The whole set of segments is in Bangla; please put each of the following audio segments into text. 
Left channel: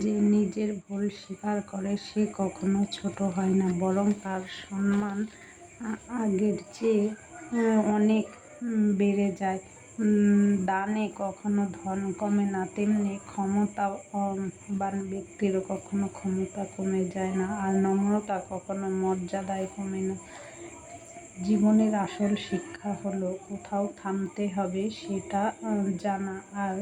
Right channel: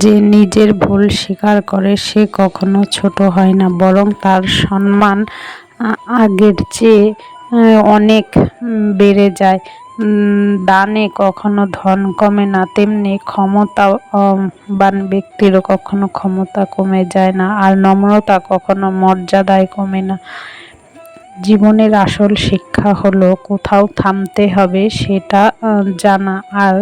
যে নিজের ভুল স্বীকার করে সে কখনো ছোট হয় না, বরং তার সম্মান আগের চেয়ে অনেক বেড়ে যায়। দানে কখনো ধন কমে না, তেমনি ক্ষমতাবান ব্যক্তিরও কখনো ক্ষমতা কমে যায় না, আর নম্রতা কখনো মর্যাদায় কমে না। জীবনের আসল শিক্ষা হলো কোথাও থামতে হবে সেটা জানা, আর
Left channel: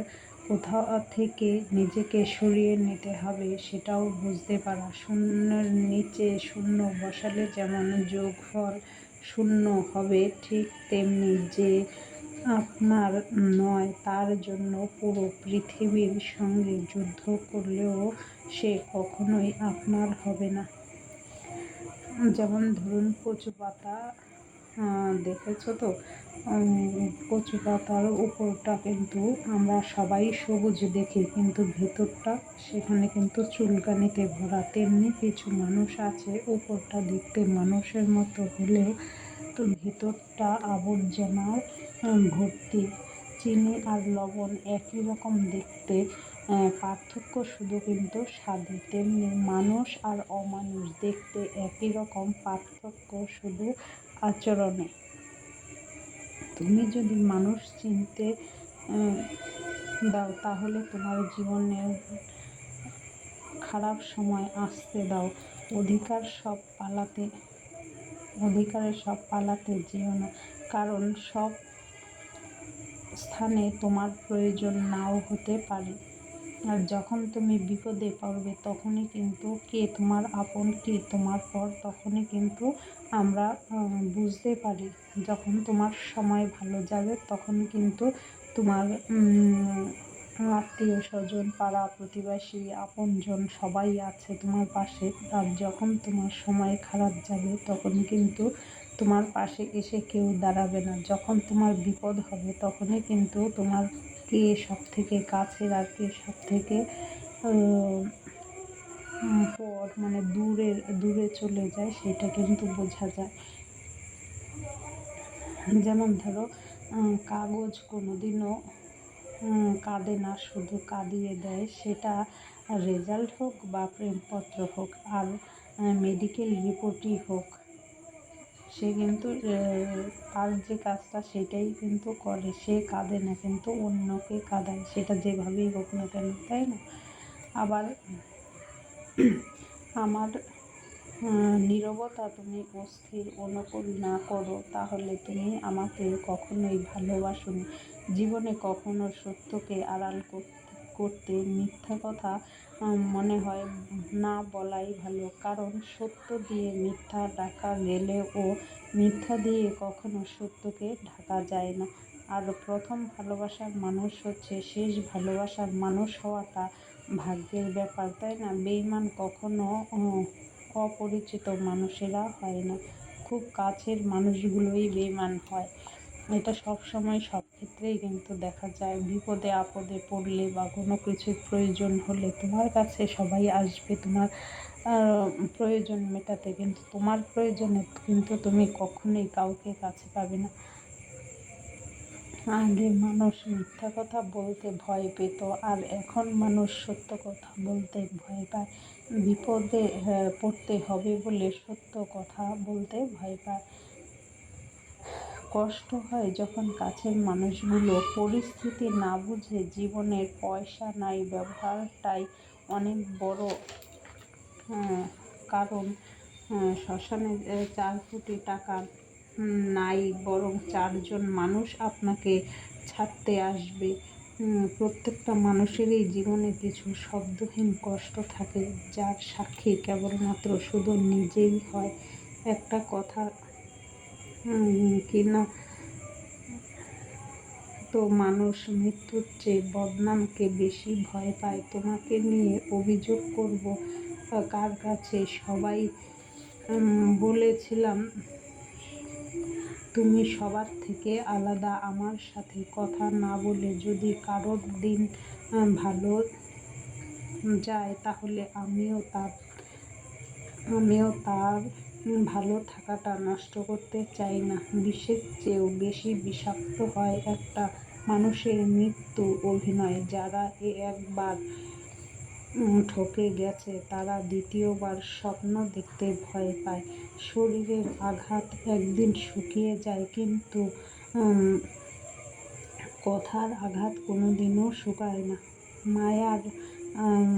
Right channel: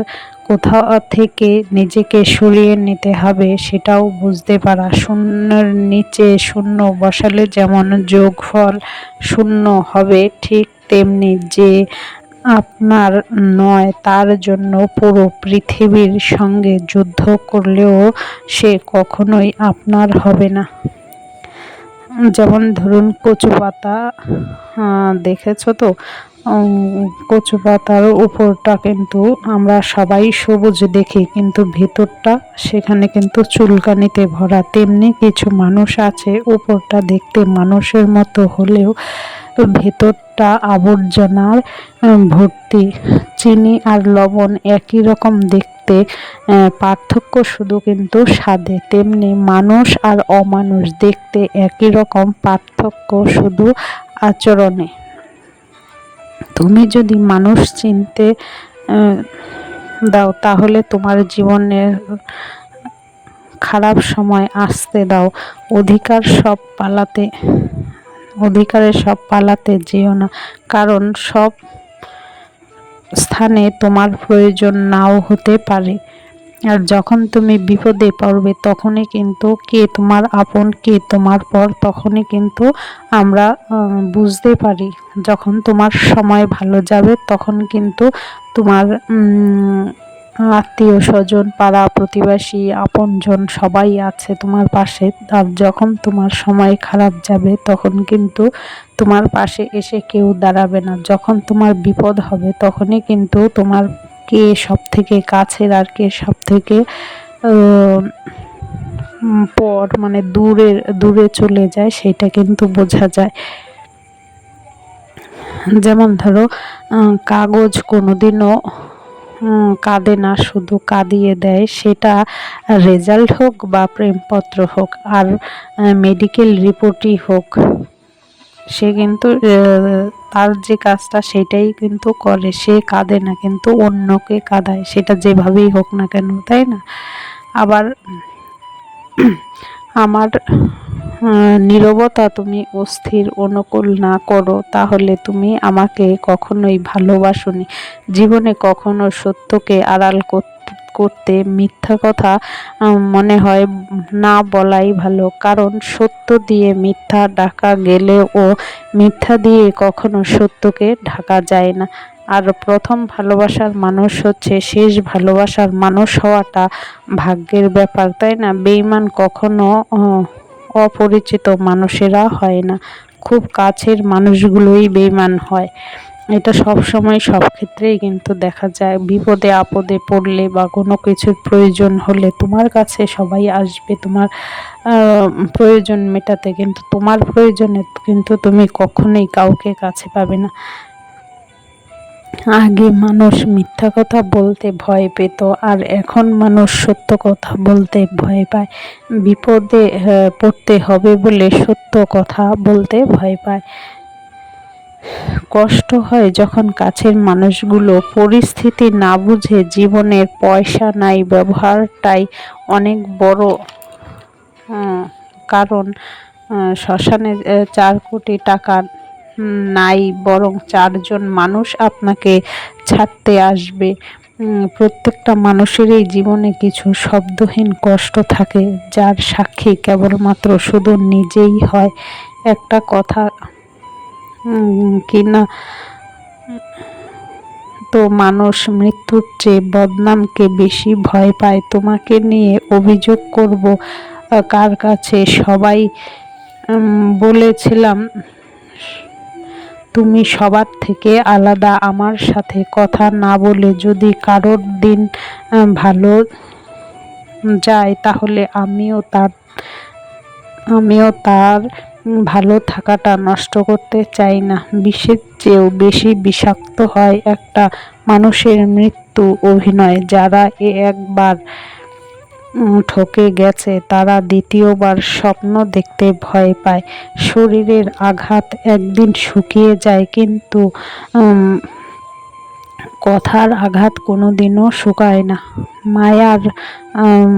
কোথাও থেকে নিজেকে সরিয়ে নিতে হবে সেটাও বুঝতে পারা। শূন্যের নিচে শূন্য বসালে যেমন যোগফল শূন্য হবে, ঠিক তেমনি যে আপনার নয় তার জন্য পুরো পৃথিবীর সঙ্গে যুদ্ধ করলেও সে কখনোই আপনার হবে না। যেমন ধরুন কচু পাতা, দেখেছো তো? কচু পাতার উপরটা কিন্তু আমরা সবাই সবুজ দেখি, কিন্তু ভেতরটা সেখানে কিন্তু চুলকানিতে ভরা। তেমনি কিছু মানুষ আছে উপরটা দেখতে মানুষের মতো হলেও ভেতরটা আবর্জনার ভর্তি। চিনি আর লবণ একই রকম দেখতে, পার্থক্য শুধু কিন্তু স্বাদে। তেমনি মানুষ আর অমানুষ দেখতে একই রকম, পার্থক্য শুধু আচরণে। তুমি যদি মানুষ চিনতে দাও তাহলে তোমার জীবনের খারাপ সময় আসতে দাও। অধিকারের সব পালাতে যেও না, কারণ সব স্থানে তোমার প্রয়োজন নাও হতে পারে। আর যখন তুমি বিপদে পড়বে তখনই কিন্তু কে তোমার আপন কে তোমার পর তখনই কিন্তু আমরা বুঝতে পারি। যখন তোমার সময় ভালো যাবে তখন কিন্তু তোমার আত্মীয় স্বজন, পাড়া প্রতিবেশী, আপনজন সবাই আছে তোমার পাশে। আর যখন তোমার সময় খারাপ যাবে তখন কিন্তু তোমার পাশে এসে কেউ দাঁড়াবে না। যখন তোমার বিপদ হবে তখনই কিন্তু তোমার কে সব থেকে কাছের আর কে সব থেকে পর, মানে দূরে চলে যায় সেটা কিন্তু বোঝা যায়। যেমন ধরো কাগজ কোনোদিনও কাঁদে না, শুধু কাঁদিয়ে দেয়। সেটা রেজাল্ট হোক বা প্রেমপত্র হোক আর মেডিকেল রিপোর্টই হোক, সে কিন্তু তার যে কাজটা সেটাই কিন্তু করে। সে কাঁদে না, কিন্তু অন্যকে কাঁদায়, সেটা যেভাবেই হোক না কেন, তাই না? আবার আমার নীরবতা তুমি অস্থির অনুকূল না করো তাহলে তুমি আমাকে কখনোই ভালোবাসোনি। জীবনে কখনো সত্যকে আড়াল করতে মিথ্যা কথা মনে হয় না বলাই ভালো, কারণ সত্য দিয়ে মিথ্যা ঢাকা গেলেও মিথ্যা দিয়ে কখনো সত্যকে ঢাকা যায় না। আর প্রথম ভালোবাসার মানুষ হচ্ছে শেষ ভালোবাসার মানুষ হওয়াটা ভাগ্যের ব্যাপার, তাই না? বেঈমান কখনো অপরিচিত মানুষেরা হয় না, খুব কাছের মানুষগুলোই বেঈমান হয়। এটা সব সময় সব ক্ষেত্রেই কিন্তু দেখা যায়। বিপদে আপদে পড়লে বা কোনো কিছুর প্রয়োজন হলে তোমার কাছে সবাই আসবে তোমার প্রয়োজন মেটাতে, কিন্তু তোমার প্রয়োজনে কিন্তু তুমি কখনোই কাউকে কাছে পাবে না। আগে মানুষ মিথ্যা কথা বলতে ভয় পেত, আর এখন মানুষ সত্য কথা বলতে ভয় পায়। বিপদে পড়তে হবে বলে সত্য কথা বলতে ভয় পায়। কষ্ট হয় যখন কাছের মানুষগুলো পরিস্থিতি না বুঝে জীবনের পয়সা নাই ব্যবহারটাই অনেক বড় কারণ। শ্মশানে 4 কোটি টাকা নাই, বরং 4 জন মানুষ আপনাকে ছাড়তে আসবে। প্রত্যেকটা মানুষেরই জীবনে কিছু শব্দহীন কষ্ট থাকে, যার সাক্ষী কেবলমাত্র শুধু নিজেই হয়। একটা কথা কিনা তো মানুষ মৃত্যুর চেয়ে বদনামকে বেশি ভয় পায়। তোমাকে নিয়ে অভিযোগ করব কার কাছে? সবাই বলেছিলাম তুমি সবার থেকে আলাদা। আমার সাথে কথা না বলে যদি কারোর দিন ভালো যায় তাহলে আমিও তার ভালো থাকাটা নষ্ট করতে চাই না। বিষের চেয়েও বেশি বিষাক্ত হয় একটা মানুষের মৃত্যু অভিনয়। যারা একবার ঠকে গেছে তারা দ্বিতীয়বার স্বপ্ন দেখতে ভয় পায়। শরীরের আঘাত একদিন শুকিয়ে যায়, কিন্তু কথার আঘাত কোনোদিনও শুকায় না। মায়ার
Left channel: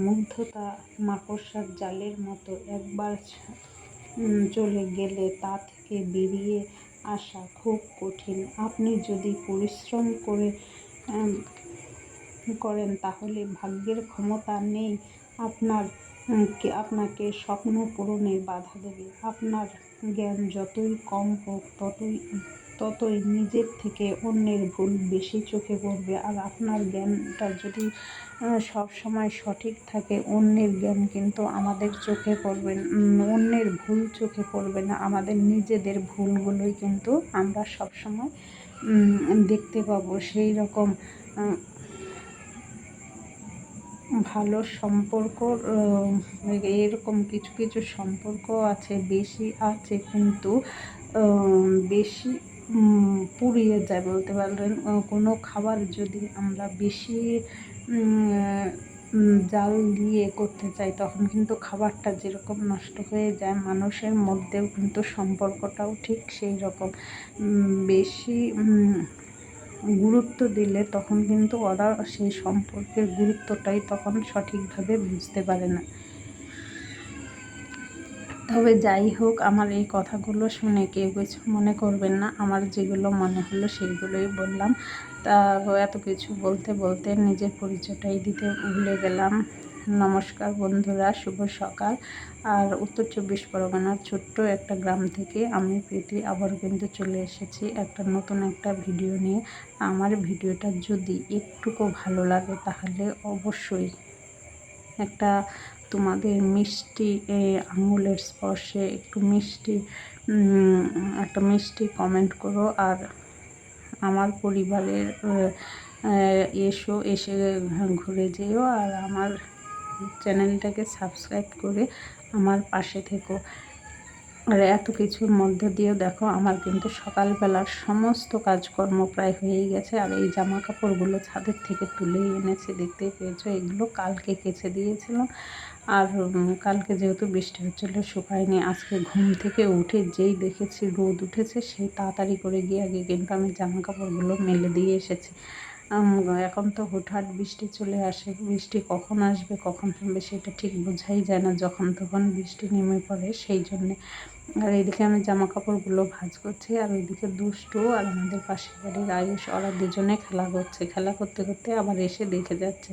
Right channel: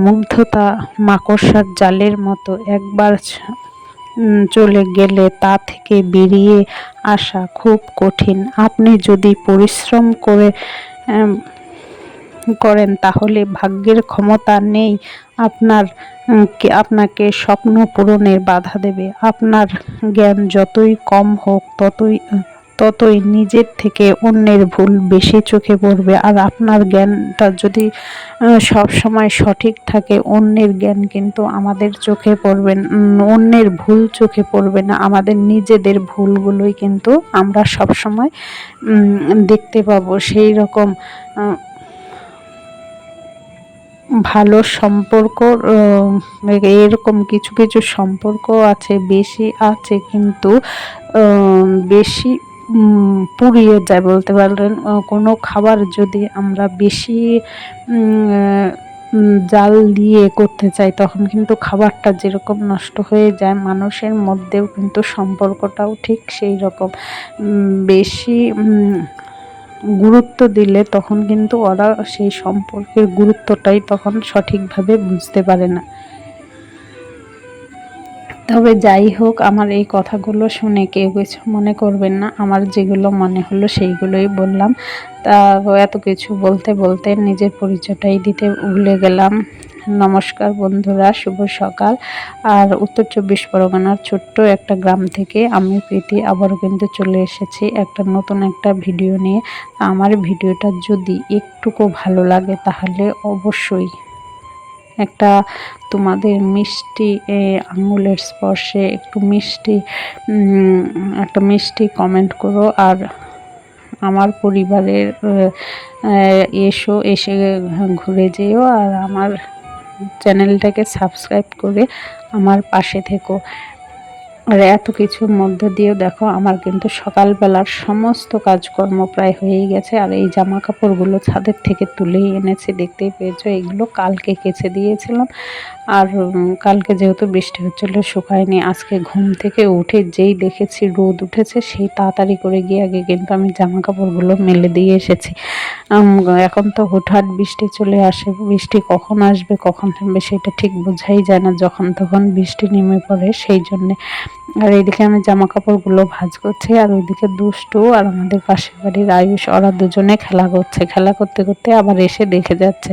মুগ্ধতা মাকড়সার জালের মতো, একবার চলে গেলে তা থেকে বেরিয়ে আসা খুব কঠিন। আপনি যদি পরিশ্রম করেন তাহলে ভাগ্যের ক্ষমতা নেই আপনাকে স্বপ্ন পূরণের বাধা দেবে। আপনার জ্ঞান যতই কম হোক ততই নিজের থেকে অন্যের ভুল বেশি চোখে পড়বে। আর আপনার জ্ঞানটা যদি সব সময় সঠিক থাকে, অন্যের জ্ঞান কিন্তু আমাদের চোখে পড়বে, অন্যের ভুল চোখে পড়বে না। আমাদের নিজেদের ভুলগুলোই কিন্তু আমরা সব সময় দেখতে পাবো। সেই রকম ভালো সম্পর্ক, এরকম কিছু কিছু সম্পর্ক আছে, বেশি আছে কিন্তু বেশি পুড়িয়ে যায় বলতে পারেন। কোনো খাবার যদি আমরা বেশি জাল দিয়ে করতে চাই তখন কিন্তু খাবারটা যেরকম নষ্ট হয়ে যায়, মানুষের মধ্যেও কিন্তু সম্পর্কটাও ঠিক সেই রকম। বেশি গুরুত্ব দিলে তখন কিন্তু ওরা সেই সম্পর্কের গুরুত্বটাই তখন সঠিকভাবে বুঝতে পারে না। তবে যাই হোক, আমার এই কথাগুলো শুনে কেউ কিছু মনে করবেন না। আমার যেগুলো মনে হলো সেইগুলোই বললাম। তা এত কিছু বলতে বলতে নিজের পরিচয়টাই দিতে ভুলে গেলাম। নমস্কার বন্ধুরা, শুভ সকাল। আর উত্তর 24 পরগনার ছোট্ট একটা গ্রাম থেকে আমি প্রীতি আবারও কিন্তু চলে এসেছি নতুন একটা ভিডিও নিয়ে। আমার ভিডিওটা যদি একটুকু ভালো লাগে তাহলে অবশ্যই একটা তোমাদের মিষ্টি আঙুলের স্পর্শে একটা মিষ্টি কমেন্ট করো। আর আমার পরিবারের এসে ঘুরে যেও, আর আমার চ্যানেলটাকে সাবস্ক্রাইব করে আমার পাশে থেকো। আর এত কিছুর মধ্যে দিয়েও দেখো আমার কিন্তু সকালবেলার সমস্ত কাজকর্ম প্রায় হয়েই গেছে। আর এই জামা কাপড়গুলো ছাদের থেকে তুলেই এনেছি, দেখতেই পেয়েছো। এগুলো কালকে কেচে দিয়েছিলাম, আর কালকে যেহেতু বৃষ্টি হচ্ছিলো শুকায়নি। আজকে ঘুম থেকে উঠে যেই দেখেছি রোদ উঠেছে, সেই তাড়াতাড়ি করে গিয়ে আগে কিন্তু আমি জামা কাপড়গুলো মেলে দিয়ে এসেছি। এখন তো হুটহাট বৃষ্টি চলে আসে, বৃষ্টি কখন আসবে কখন থামবে সেটা ঠিক বোঝাই যায় না, যখন তখন বৃষ্টি নেমে পড়ে সেই জন্যে। আর এইদিকে আমি জামা কাপড়গুলো ভাঁজ করছি, আর ওইদিকে দুষ্টু আর আমাদের পাশের বাড়ির আয়ুষ, ওরা দুজনে খেলা করছে। খেলা করতে করতে আবার এসে দেখে যাচ্ছে।